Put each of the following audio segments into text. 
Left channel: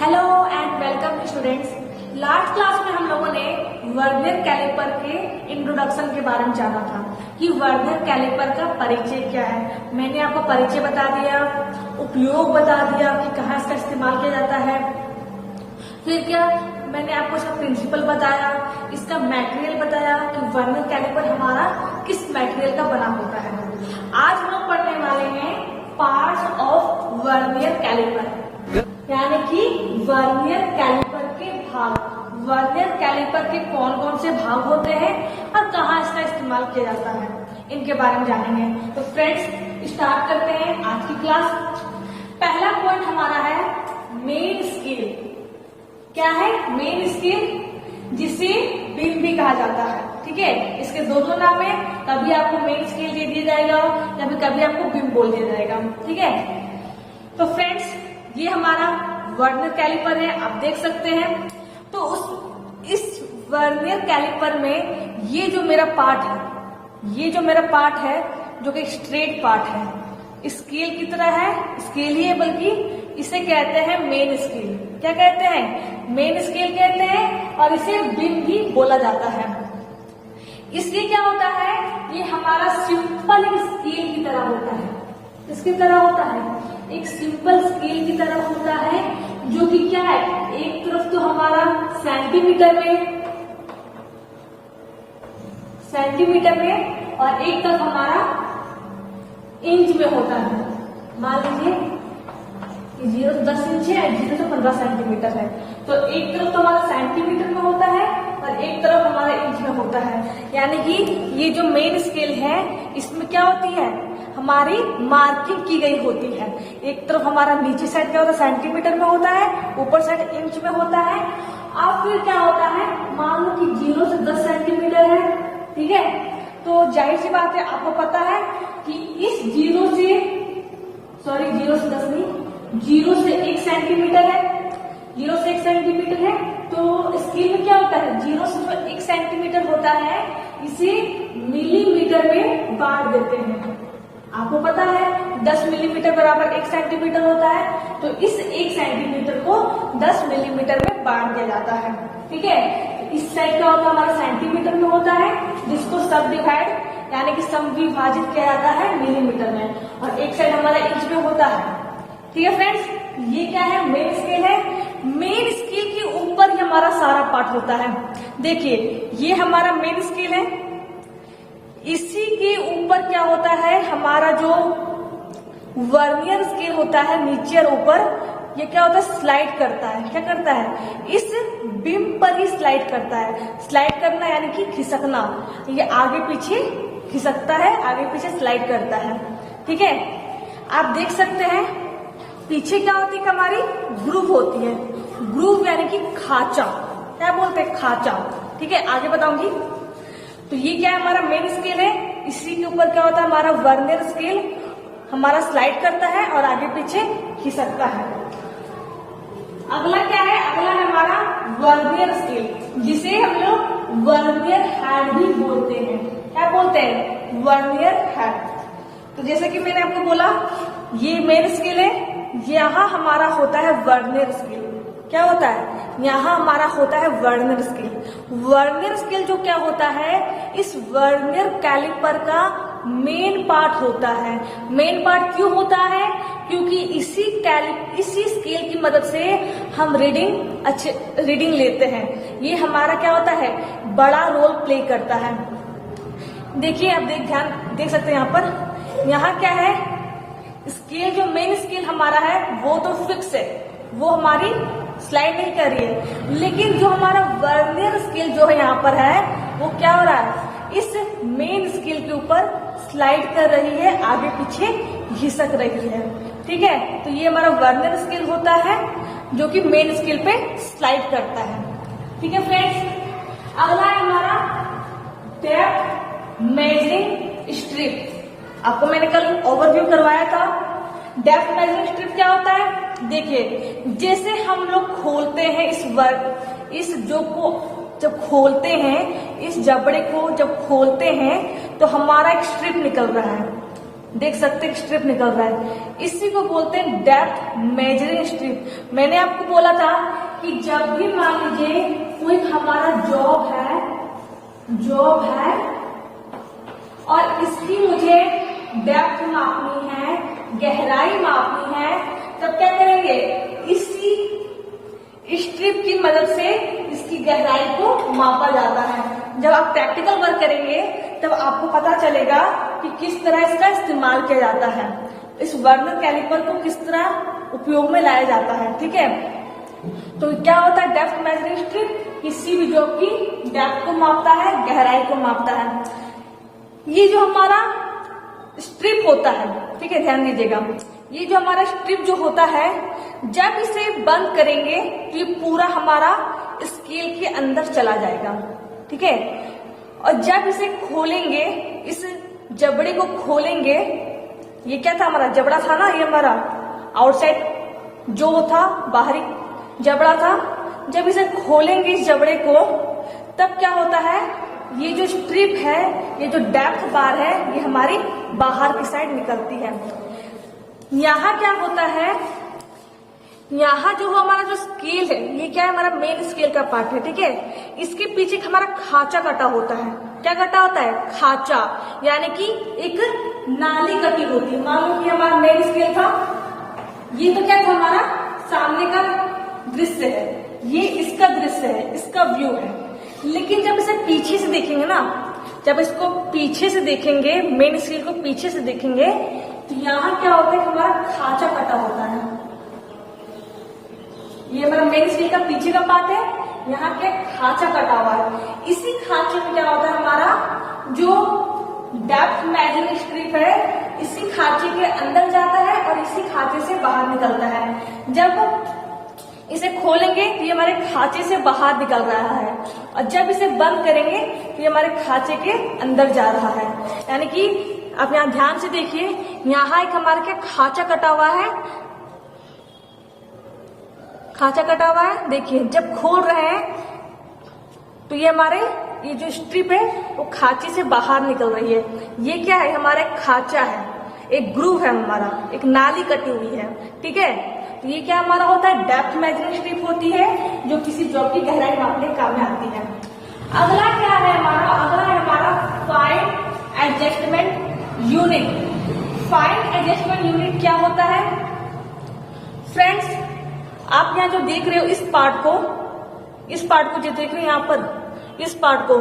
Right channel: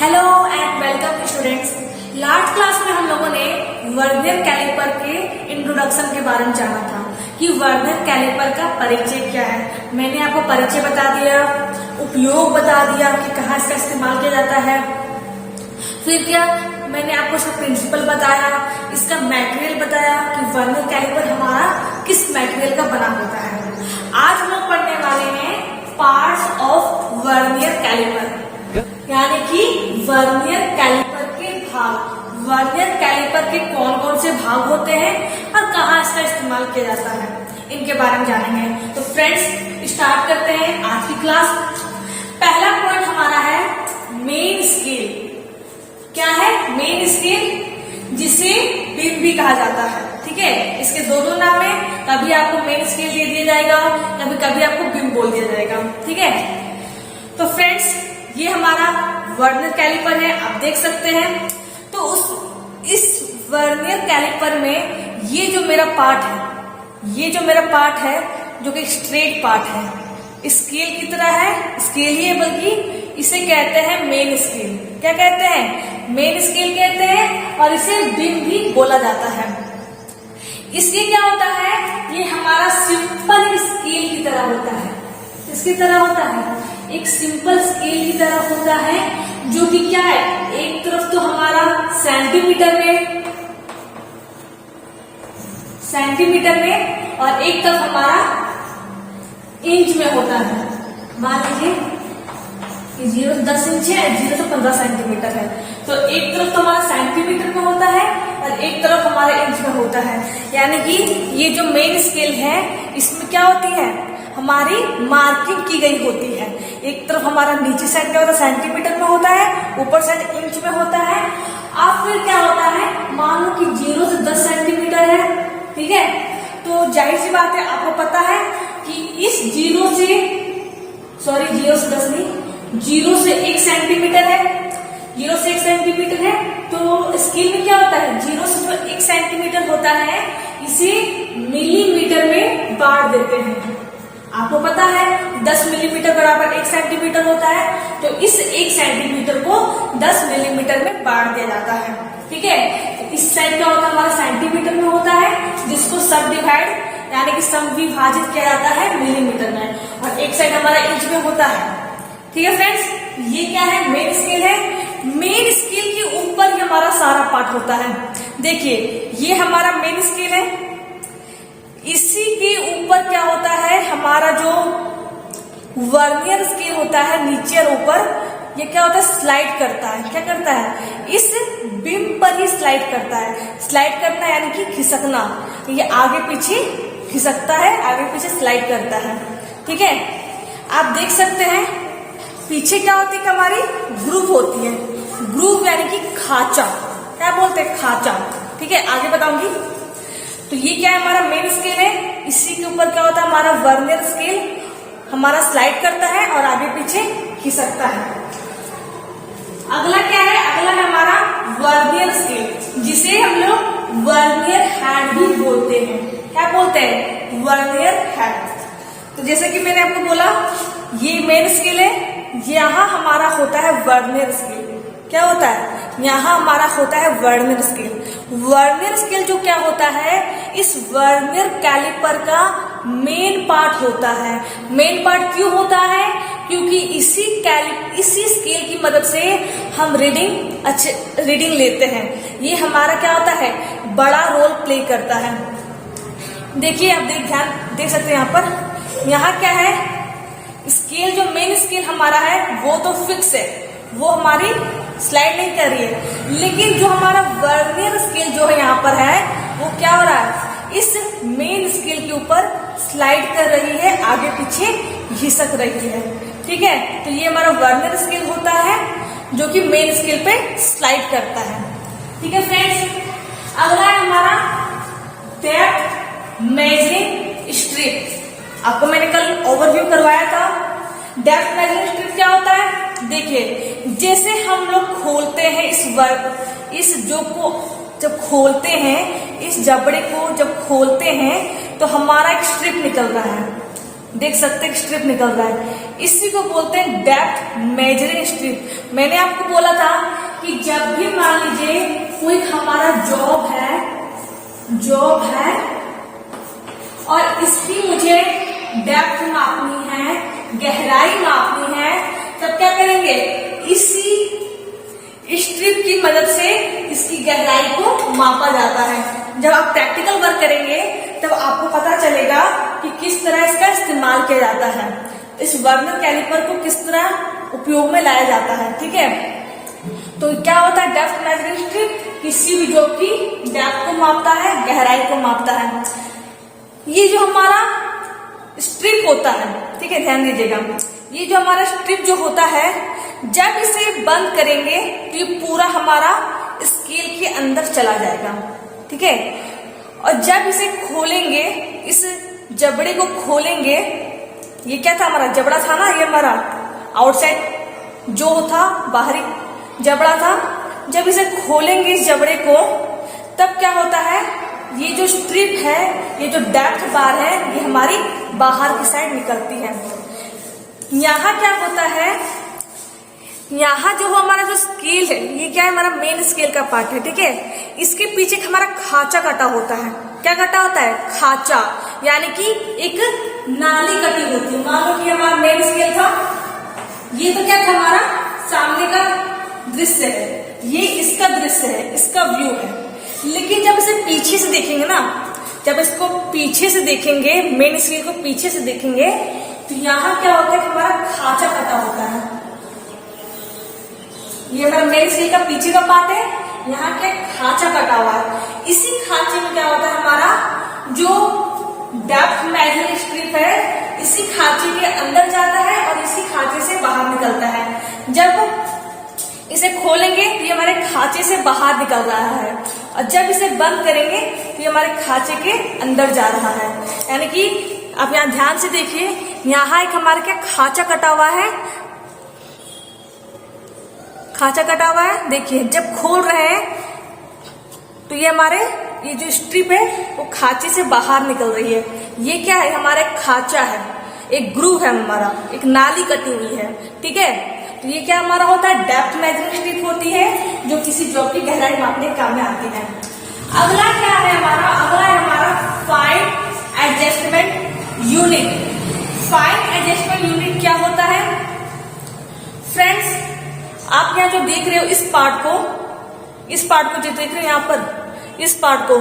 Hello and welcome students. Last class में हम लोगों ने वर्नियर कैलिपर के इंट्रोडक्शन के बारे में जाना था कि वर्नियर कैलिपर का परिचय क्या है। मैंने आपको परिचय बता दिया, उपयोग बता दिया कि कहाँ इसका इस्तेमाल किया जाता है। फिर क्या, मैंने आपको इसका प्रिंसिपल बताया, इसका मटेरियल बताया कि वर्नियर कैलिपर हमारा किस मटेरियल का बना होता है। आज हम लोग पढ़ने वाले हैं पार्ट्स ऑफ वर्नियर कैलिपर, यानी कि वर्नियर कैलिपर के भाग। वर्नियर कैलिपर के कौन कौन से भाग होते हैं और कहाँ इसका इस्तेमाल किया जाता है, इनके बारे में जानेंगे। तो फ्रेंड्स, स्टार्ट करते हैं आज की क्लास। पहला पॉइंट हमारा है मेन स्केल। क्या है? मेन स्केल, जिसे बिम भी कहा जाता है। ठीक है, इसके दो नाम है, कभी आपको मेन स्केल दे दिया जाएगा, कभी आपको बिम बोल दिया जाएगा। ठीक है, तो फ्रेंड्स ये हमारा वर्नियर कैलिपर है, आप देख सकते हैं। तो इस वर्नियर कैलिपर में ये जो मेरा पार्ट है, जो कि स्ट्रेट पार्ट है, स्केल की तरह है, स्केल ही है, बल्कि इसे कहते हैं मेन स्केल। क्या कहते हैं? मेन स्केल कहते हैं, और इसे बिम भी बोला जाता है। इसके क्या होता है? ये हमारा सिंपल स्केल की तरह होता है। इसकी तरह होता है, एक सिंपल स्केल की तरह होता है, जो कि क्या है, एक तरफ तो हमारा सेंटीमीटर में और एक तरफ हमारा इंच में होता है। मान लीजिए 0 से 10 इंच है, 0 से 15 सेंटीमीटर है, तो एक तरफ तो हमारा सेंटीमीटर में होता है और एक तरफ हमारे इंच में होता है। यानी कि ये जो मेन स्केल है, इसमें क्या होती है, हमारी मार्किंग की गई होती है। एक तरफ हमारा नीचे साइड क्या होता है, सेंटीमीटर में होता है, ऊपर साइड इंच में होता है। अब फिर क्या होता है, मान लो कि 0 से 10 सेंटीमीटर है, ठीक है, तो जाहिर सी बात है, आपको पता है कि इस 0 से 1 सेंटीमीटर है, 0 से 1 सेंटीमीटर है। तो स्केल में क्या होता है, 0 से जो 1 सेंटीमीटर होता है, इसे मिलीमीटर में बांट देते हैं। आपको पता है 10 मिलीमीटर बराबर 1 सेंटीमीटर होता है, तो इस 1 सेंटीमीटर को 10 मिलीमीटर में बांट दिया जाता है। ठीक है, इस साइड क्या होता है, हमारा सेंटीमीटर में होता है, जिसको सब डिवाइड यानी कि समविभाजित किया जाता है मिलीमीटर में, और एक साइड हमारा इंच में होता है। ठीक है फ्रेंड्स, ये क्या है, मेन स्केल है। मेन स्केल के ऊपर ही हमारा सारा पार्ट होता है। देखिए, ये हमारा मेन स्केल है, इसी के ऊपर क्या होता है, हमारा जो वर्नियर स्केल होता है, नीचे और ऊपर, ये क्या होता है, स्लाइड करता है। क्या करता है, इस बिम पर ही स्लाइड करता है। स्लाइड करना यानी कि खिसकना, ये आगे पीछे खिसकता है, आगे पीछे स्लाइड करता है। ठीक है, आप देख सकते हैं पीछे क्या होती है, हमारी ग्रूव होती है। ग्रूव यानी कि खांचा, क्या बोलते हैं, खांचा। ठीक है, आगे बताऊंगी। तो ये क्या है, हमारा मेन स्केल है, इसी के ऊपर क्या होता है, हमारा वर्नियर स्केल हमारा स्लाइड करता है और आगे पीछे खिसकता है। अगला क्या है, अगला है हमारा वर्नियर स्केल, जिसे हम लोग वर्नियर हैंड भी बोलते हैं। क्या बोलते हैं, वर्नियर हैंड। तो जैसे कि मैंने आपको बोला, ये मेन स्केल है, यहाँ हमारा होता है वर्नियर स्केल। क्या होता है, यहाँ हमारा होता है वर्नियर स्केल। वर्नियर स्केल जो क्या होता है, इस वर्नियर कैलिपर का मेन पार्ट होता है। मेन पार्ट क्यों होता है, क्योंकि इसी स्केल की मदद से हम रीडिंग लेते हैं। ये हमारा क्या होता है, बड़ा रोल प्ले करता है। देखिए, आप देख सकते हैं यहाँ पर, यहाँ क्या है, स्केल जो मेन स्केल हमारा है वो तो फिक्स है, वो हमारी स्लाइड नहीं कर रही है। लेकिन जो हमारा वर्नियर स्केल जो है यहाँ पर है, वो क्या हो रहा है, इस मेन स्केल के ऊपर स्लाइड कर रही है, आगे पीछे घिसक रही है। ठीक है, तो ये हमारा वर्नियर स्केल होता है, जो कि मेन स्केल पे स्लाइड करता है। ठीक है फ्रेंड्स, अगला है हमारा डेप्थ मेजरिंग स्ट्रिप। आपको मैंने कल ओवरव्यू करवाया था। डेप्थ मेजरिंग स्ट्रिप क्या होता है, देखिए, जैसे हम लोग खोलते हैं जब खोलते हैं, इस जबड़े को जब खोलते हैं, तो हमारा एक स्ट्रिप निकल रहा है। देख सकते हैं स्ट्रिप निकल रहा है, इसी को बोलते हैं डेप्थ मेजरिंग स्ट्रिप। मैंने आपको बोला था कि जब भी मान लीजिए कोई हमारा जॉब है और इसकी मुझे डेप्थ मापनी है, गहराई मापनी है, तब क्या करेंगे, इसी स्ट्रिप की मदद से इसकी गहराई को मापा जाता है। जब आप प्रैक्टिकल वर्क करेंगे तब आपको पता चलेगा कि किस तरह इसका इस्तेमाल किया जाता है, इस वर्नियर कैलिपर को किस तरह उपयोग में लाया जाता है। ठीक है, तो क्या होता है, डेप्थ मेजरिंग स्ट्रिप किसी भी जॉब की डेप्थ को मापता है, गहराई को मापता है। ये जो हमारा स्ट्रिप होता है, ठीक है, ध्यान दीजिएगा, ये जो हमारा स्ट्रिप जो होता है, जब इसे बंद करेंगे तो ये पूरा हमारा स्केल के अंदर चला जाएगा। ठीक है, और जब इसे खोलेंगे, इस जबड़े को खोलेंगे, ये क्या था हमारा जबड़ा था ना, ये हमारा आउटसाइड जो था, बाहरी जबड़ा था। जब इसे खोलेंगे इस जबड़े को, तब क्या होता है, ये जो स्ट्रिप है, ये जो डेप्थ बार है, ये हमारी बाहर की साइड निकलती है। यहाँ क्या होता है, यहाँ जो हमारा जो स्केल है, ये क्या है, हमारा मेन स्केल का पार्ट है। ठीक है, इसके पीछे हमारा खांचा कटा होता है। क्या कटा होता है, खांचा, यानी कि एक नाली कटी होती है। मान लो कि हमारा मेन स्केल था, ये तो क्या था, हमारा सामने का दृश्य है, ये इसका दृश्य है, इसका व्यू है। लेकिन जब इसे पीछे से देखेंगे ना, जब इसको पीछे से देखेंगे, मेन स्केल को पीछे से देखेंगे, तो यहाँ क्या होता है, हमारा खांचा कटा होता है। ये हमारा मेन स्केल का पीछे का पार्ट है, यहाँ क्या खांचा कटा हुआ है। इसी खांचे में क्या होता है, हमारा जो डेप्थ मेजरिंग स्ट्रिप है, इसी खांचे के अंदर जाता है और इसी खांचे से बाहर निकलता है। जब इसे खोलेंगे तो ये हमारे खांचे से बाहर निकल रहा है, और जब इसे बंद करेंगे तो ये हमारे खांचे के अंदर जा रहा है। यानी कि आप यहाँ ध्यान से देखिए, यहाँ एक हमारे क्या खांचा कटा हुआ है, खांचा कटा हुआ है। देखिए, जब खोल रहे हैं तो ये हमारे ये जो स्ट्रिप है वो खांचे से बाहर निकल रही है। ये क्या है, हमारा खांचा है, एक ग्रूव है, हमारा एक नाली कटी हुई है। ठीक है, तो ये क्या हमारा होता है, डेप्थ मेजरिंग स्ट्रिप होती है, जो किसी जॉब की गहराई मापने के काम में आती है। अगला क्या है हमारा, अगला है हमारा fine adjustment unit. Fine adjustment unit क्या होता है फ्रेंड्स, आप यहाँ जो देख रहे हो इस पार्ट को जो देख रहे हो यहाँ पर, इस पार्ट को,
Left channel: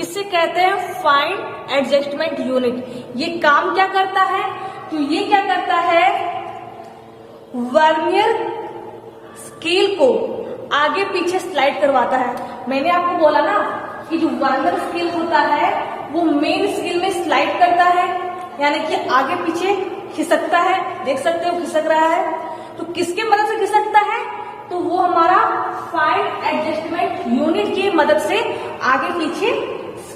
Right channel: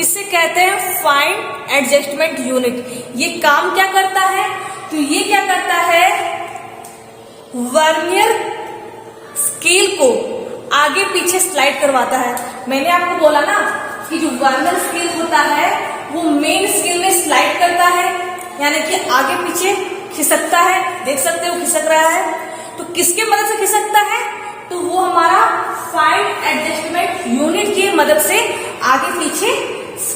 इससे कहते हैं फाइन एडजस्टमेंट यूनिट। ये काम क्या करता है, तो ये क्या करता है, वर्नियर स्केल को आगे पीछे स्लाइड करवाता है। मैंने आपको बोला ना कि जो वर्नियर स्केल होता है वो मेन स्केल में स्लाइड करता है, यानी कि आगे पीछे खिसकता है। देख सकते हो खिसक रहा है, तो किसके मदद से खिसकता है, तो वो हमारा फाइन एडजस्टमेंट यूनिट की मदद से आगे पीछे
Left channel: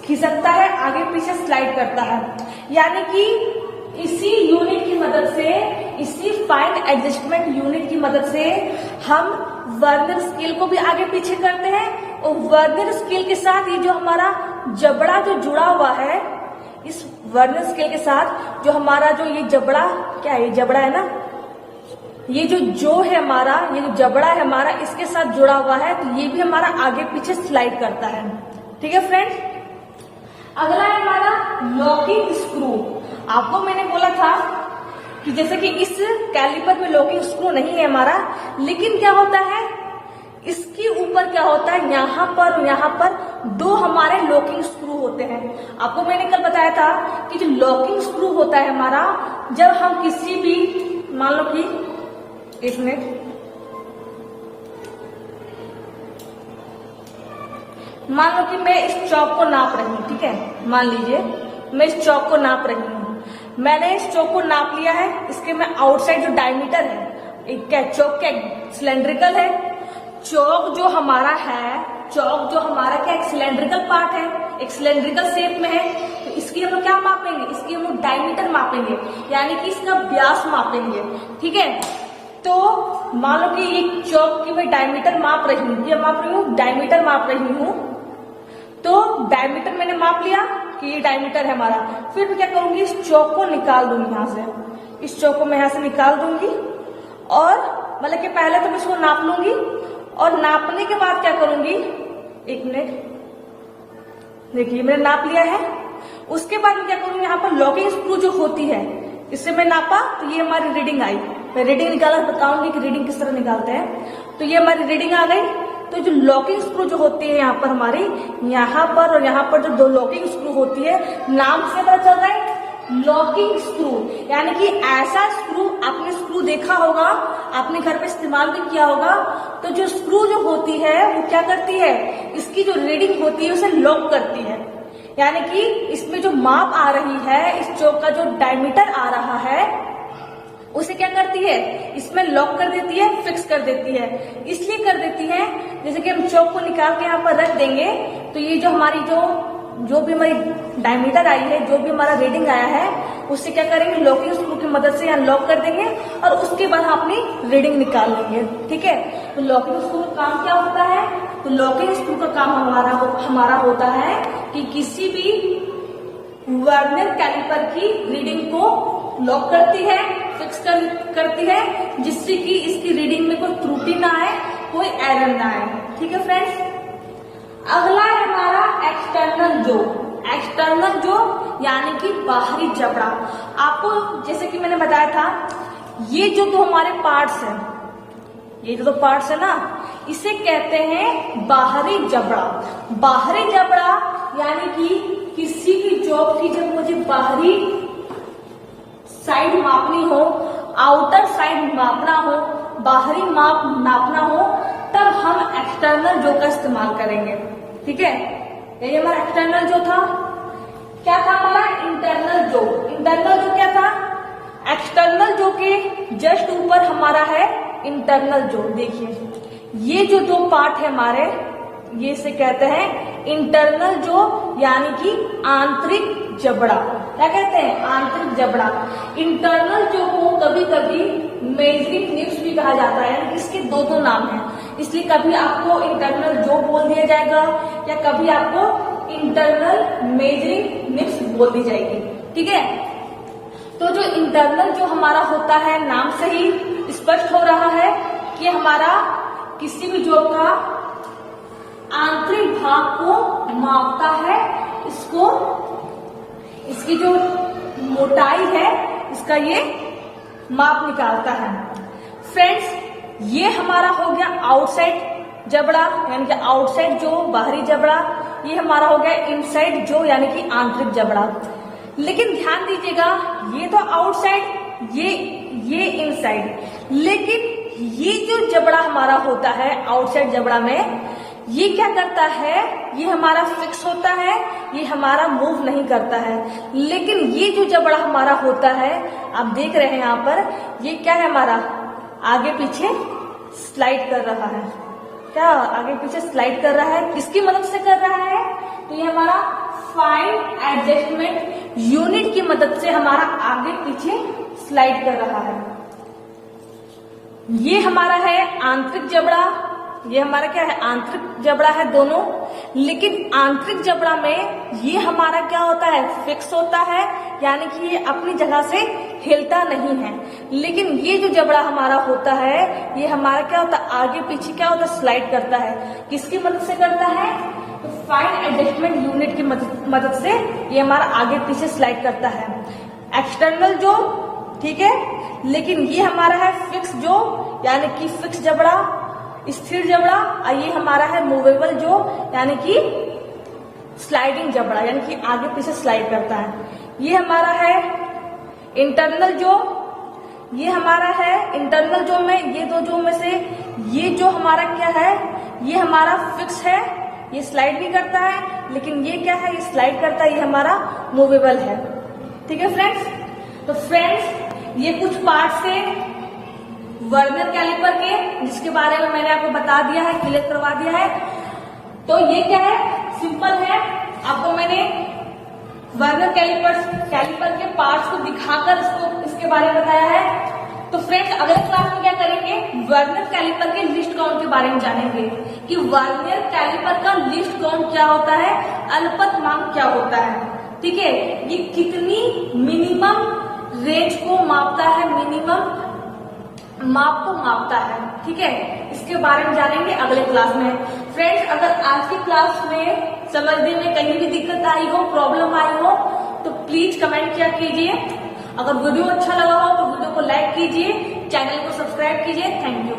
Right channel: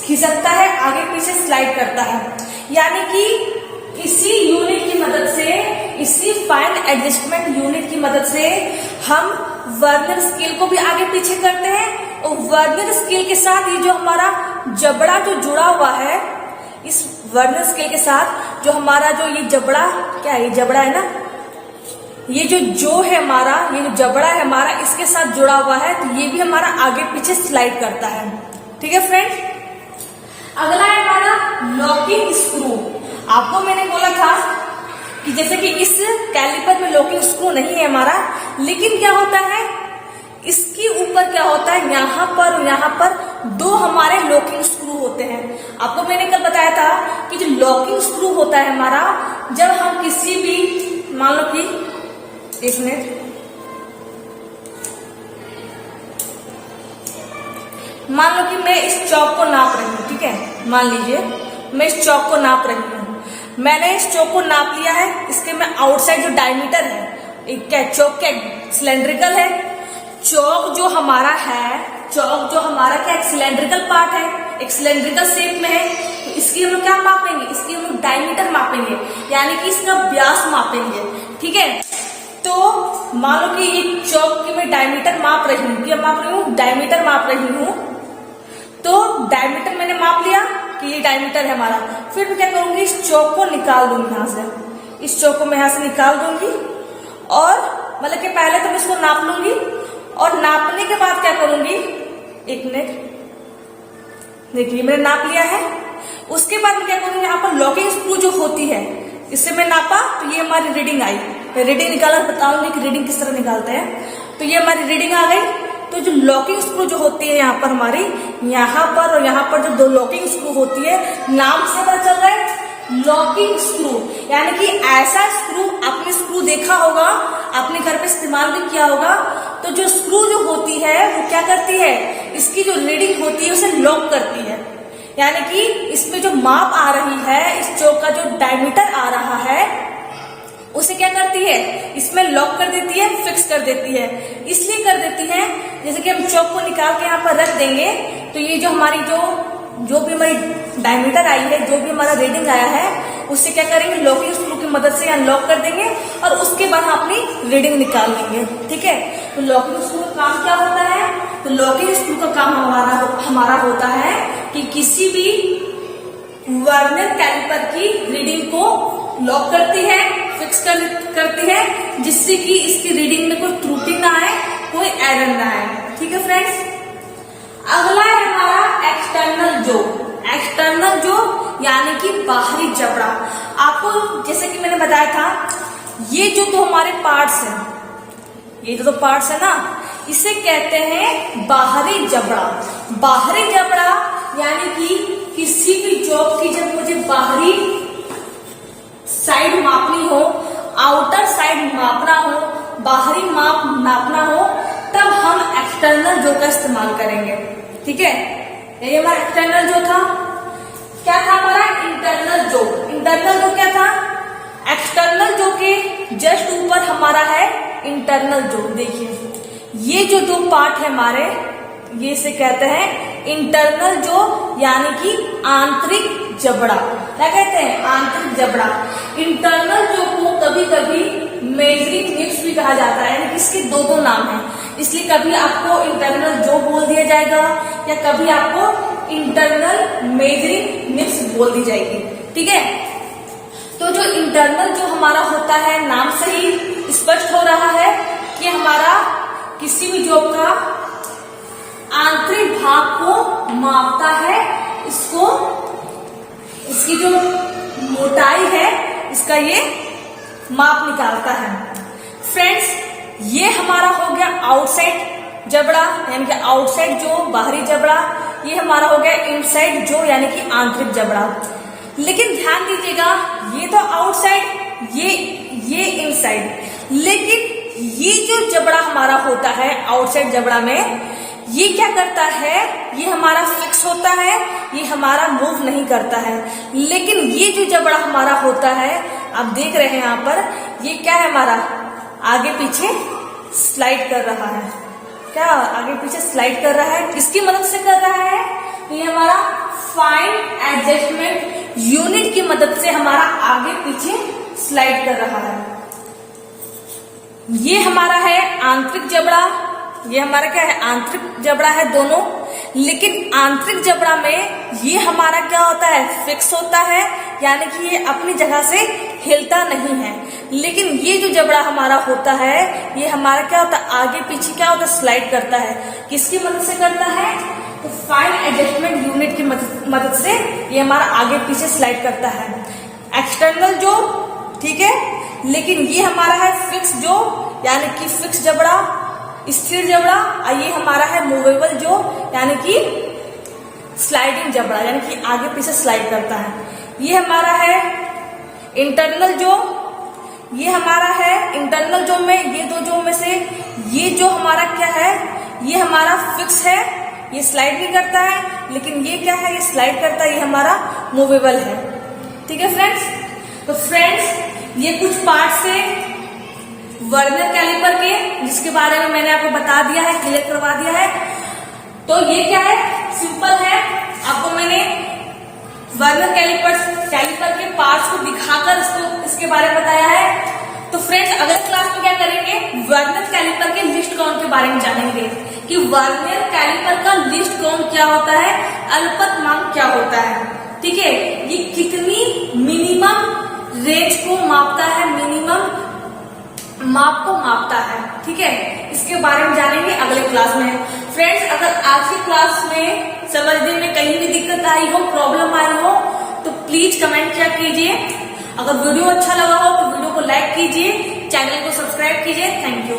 खिसकता है, आगे पीछे स्लाइड करता है। यानी कि इसी यूनिट की मदद से, इसी फाइन एडजस्टमेंट यूनिट की मदद से हम वर्नियर स्केल को भी आगे पीछे करते हैं, और वर्नियर स्केल के साथ ये जो हमारा जबड़ा जो जुड़ा हुआ है, इस वर्नियर स्केल के साथ जो हमारा जो ये जबड़ा, क्या है, ये जबड़ा है ना, ये जो है हमारा, ये जो जबड़ा है हमारा, इसके साथ जुड़ा हुआ है, तो ये भी हमारा आगे पीछे स्लाइड करता है। ठीक है फ्रेंड्स, अगला है हमारा लॉकिंग स्क्रू। आपको मैंने बोला था कि जैसे कि इस कैलिपर में लॉकिंग स्क्रू नहीं है हमारा, लेकिन क्या होता है, इसके ऊपर क्या होता है, यहाँ पर और यहाँ पर दो हमारे लॉकिंग स्क्रू होते हैं। आपको मैंने कल बताया था कि जो लॉकिंग स्क्रू होता है हमारा, जब हम किसी भी, मान लो कि एक मिनट, मान लो कि मैं इस चौक को नाप रही हूँ। ठीक है, मान लीजिए मैं इस चौक को नाप रही हूँ, मैंने इस चौक को नाप लिया है। इसके में आउटसाइड जो डायमीटर है, एक क्या चौक क्या सिलेंड्रिकल है, चौक जो हमारा है, चौक जो हमारा क्या एक सिलेंड्रिकल पार्ट है, एक सिलेंड्रिकल शेप में है, तो इसकी हम लोग क्या मापेंगे, इसकी हम लोग डायमीटर मापेंगे, यानी कि इसका व्यास मापेंगे। ठीक है, तो मान लो कि ये चौक की मैं डायमीटर माप रही हूँ, क्या माप रही हूँ, डायमीटर माप रही हूँ। तो डायमीटर मैंने माप लिया कि ये डायमीटर है हमारा, फिर मैं क्या करूंगी, इस चौक को निकाल दूंगी यहाँ से, इस चौक को मैं यहाँ से निकाल दूंगी, और मतलब कि पहले तो मैं इसको नाप लूंगी और नापने के बाद क्या करूंगी, एक मिनट, देखिए मैंने नाप लिया है। उसके बाद मैं क्या करूंगी, यहाँ पर लॉकिंग स्क्रू जो होती है, इससे मैं नापा तो ये हमारी रीडिंग आई। मैं रीडिंग निकाला बताऊंगी कि रीडिंग किस तरह निकालते हैं। तो ये हमारी रीडिंग आ गई। तो जो लॉकिंग स्क्रू जो होती है यहाँ पर हमारी, यहाँ पर और यहाँ पर जो दो लॉकिंग स्क्रू होती है, नाम से पता चल रहा है लॉकिंग स्क्रू, यानी कि ऐसा स्क्रू, आपने स्क्रू देखा होगा, आपने घर पे इस्तेमाल भी किया होगा। तो जो स्क्रू जो होती है वो क्या करती है, इसकी जो रीडिंग होती है उसे लॉक करती है, यानी कि इसमें जो माप आ रही है, इस चौक का जो डायमीटर आ रहा है, उसे क्या करती है, इसमें लॉक कर देती है, फिक्स कर देती है। इसलिए कर देती है, जैसे कि हम चौक को निकाल के यहाँ पर रख देंगे तो ये जो हमारी जो भी हमारी डायमीटर आई है, जो भी हमारा रीडिंग आया है, उससे क्या करेंगे, लॉकिंग स्क्रू की मदद से यहाँ लॉक कर देंगे और उसके बाद हम अपनी रीडिंग निकाल लेंगे। ठीक है, तो लॉकिंग स्क्रू का काम क्या होता है, तो लॉकिंग स्क्रू का काम हमारा होता है कि किसी भी वर्नियर कैलिपर की रीडिंग को लॉक करती है, फिक्स करती है, जिससे कि इसकी रीडिंग में कोई त्रुटि ना आए, कोई एरर ना आए। ठीक है फ्रेंड्स, अगला है हमारा एक्सटर्नल जो। एक्सटर्नल जो यानी कि बाहरी जबड़ा। आपको जैसे कि मैंने बताया था, ये जो दो हमारे पार्ट्स हैं, ये जो दो पार्ट्स है ना, इसे कहते हैं बाहरी जबड़ा। बाहरी जबड़ा यानी कि किसी भी जॉब की जब मुझे बाहरी साइड मापनी हो, आउटर साइड मापना हो, बाहरी माप नापना हो, तब हम एक्सटर्नल जो का इस्तेमाल करेंगे। ठीक है, ये हमारा एक्सटर्नल जो था। क्या था हमारा इंटरनल जो। इंटरनल जो क्या था, एक्सटर्नल जो के जस्ट ऊपर हमारा है इंटरनल जो। देखिए ये जो दो पार्ट है हमारे, ये से कहते हैं इंटरनल जो, यानी कि आंतरिक जबड़ा। क्या कहते हैं, आंतरिक जबड़ा। इंटरनल जो को कभी कभी मेजरिंग निब्स भी कहा जाता है, यानी इसके दो नाम हैं, इसलिए कभी आपको इंटरनल जो बोल दिया जाएगा या कभी आपको इंटरनल मेजरिंग निब्स बोल दी जाएगी। ठीक है, तो जो इंटरनल जो हमारा होता है, नाम से ही स्पष्ट हो रहा है कि हमारा किसी भी जॉब का आंतरिक भाग को मापता है, इसको, इसकी जो मोटाई है इसका ये माप निकालता है। फ्रेंड्स, ये हमारा हो गया आउटसाइड जबड़ा, यानी कि आउटसाइड जो, बाहरी जबड़ा। ये हमारा हो गया इनसाइड जो, यानी कि आंतरिक जबड़ा। लेकिन ध्यान दीजिएगा, ये तो आउटसाइड, ये इनसाइड, लेकिन ये जो जबड़ा हमारा होता है आउटसाइड जबड़ा में, ये क्या करता है, ये हमारा फिक्स होता है, ये हमारा मूव नहीं करता है। लेकिन ये जो जबड़ा हमारा होता है, आप देख रहे हैं यहाँ पर, ये क्या है हमारा, आगे पीछे स्लाइड कर रहा है। क्या आगे पीछे स्लाइड कर रहा है, किसकी मदद से कर रहा है, तो ये हमारा फाइन एडजस्टमेंट यूनिट की मदद से हमारा आगे पीछे स्लाइड कर रहा है। ये हमारा है आंतरिक जबड़ा, ये हमारा क्या है, आंतरिक जबड़ा है दोनों। लेकिन आंतरिक जबड़ा में ये हमारा क्या होता है, फिक्स होता है, यानी कि ये अपनी जगह से हिलता नहीं है। लेकिन ये जो जबड़ा हमारा होता है, ये हमारा क्या होता है, आगे पीछे क्या होता है, स्लाइड करता है। किसकी मदद से करता है, तो फाइन एडजस्टमेंट यूनिट की मदद से ये हमारा आगे पीछे स्लाइड करता है, एक्सटर्नल जो। ठीक है, लेकिन ये हमारा है फिक्स जो, यानी कि फिक्स जबड़ा, स्थिर जबड़ा। और ये हमारा है मूवेबल जो, यानी कि स्लाइडिंग जबड़ा, यानी कि आगे पीछे स्लाइड करता है। ये हमारा है इंटरनल जो। ये हमारा है इंटरनल जो में, ये दो जो में से ये जो हमारा क्या है, ये हमारा फिक्स है, ये स्लाइड भी करता है। लेकिन ये क्या है, ये स्लाइड करता है, ये हमारा मूवेबल है। ठीक है फ्रेंड्स, तो फ्रेंड्स ये कुछ पार्ट से वर्नियर कैलिपर के, जिसके बारे में मैंने आपको बता दिया है, क्लियर करवा दिया है। तो ये क्या है, सिंपल है। आपको मैंने वर्नियर कैलिपर के पार्ट्स को दिखाकर इसके बारे में बताया है। तो फ्रेंड्स अगले क्लास में क्या करेंगे, वर्नियर कैलिपर के लिस्ट काउंट के बारे में जानेंगे कि वर्नियर कैलिपर का लिस्ट काउंट क्या होता है, अल्पतमांक क्या होता है। ठीक है, ये कितनी मिनिमम रेंज को मापता है, मिनिमम माप को मापता है। ठीक है, इसके बारे में जानेंगे अगले क्लास में। फ्रेंड्स, अगर आज की क्लास में समझने में कहीं भी दिक्कत आई हो, प्रॉब्लम आई हो, तो प्लीज कमेंट किया कीजिए। अगर वीडियो अच्छा लगा हो तो वीडियो को लाइक कीजिए, चैनल को सब्सक्राइब कीजिए। Thank you.